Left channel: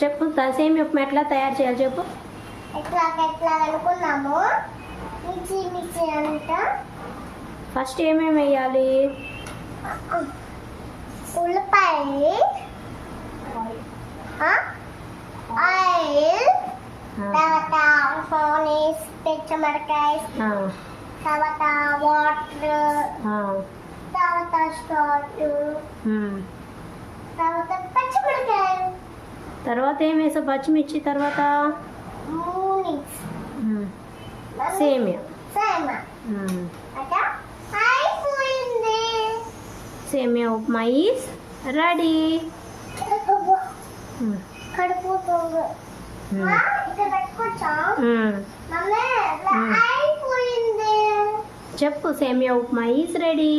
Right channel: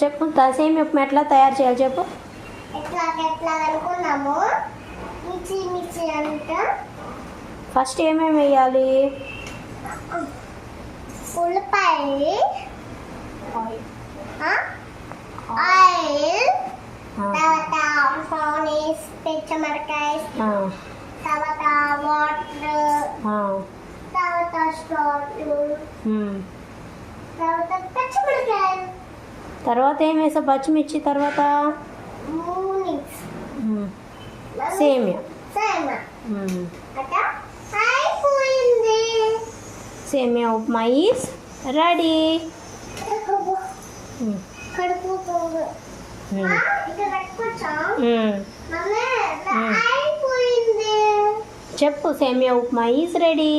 చెప్పు సేమియా ఉప్మా ఎట్లా తయారు చేయాలి చెప్పు. ఎట్లా అనుకున్నాము. మిక్సీ అంట. ఫస్ట్ ఏమేమి వేయాలి? ఉల్లిపాయలు, ఆయిల్, తర్వాత ఆనియన్స్, పచ్చిమిరకాయ, తర్వాత వాటర్, తర్వాత సాల్ట్, తర్వాత పచ్చిమిరకాయలు, తర్వాత ఏం వేసావు? పచ్చిమిర్చి, తర్వాత సేమియా. అయిపోయింది. సేమియా ఉప్మా ఈస్ రెడీ. చెప్పు సేమియా ఉప్మా ఈస్ రెడీ.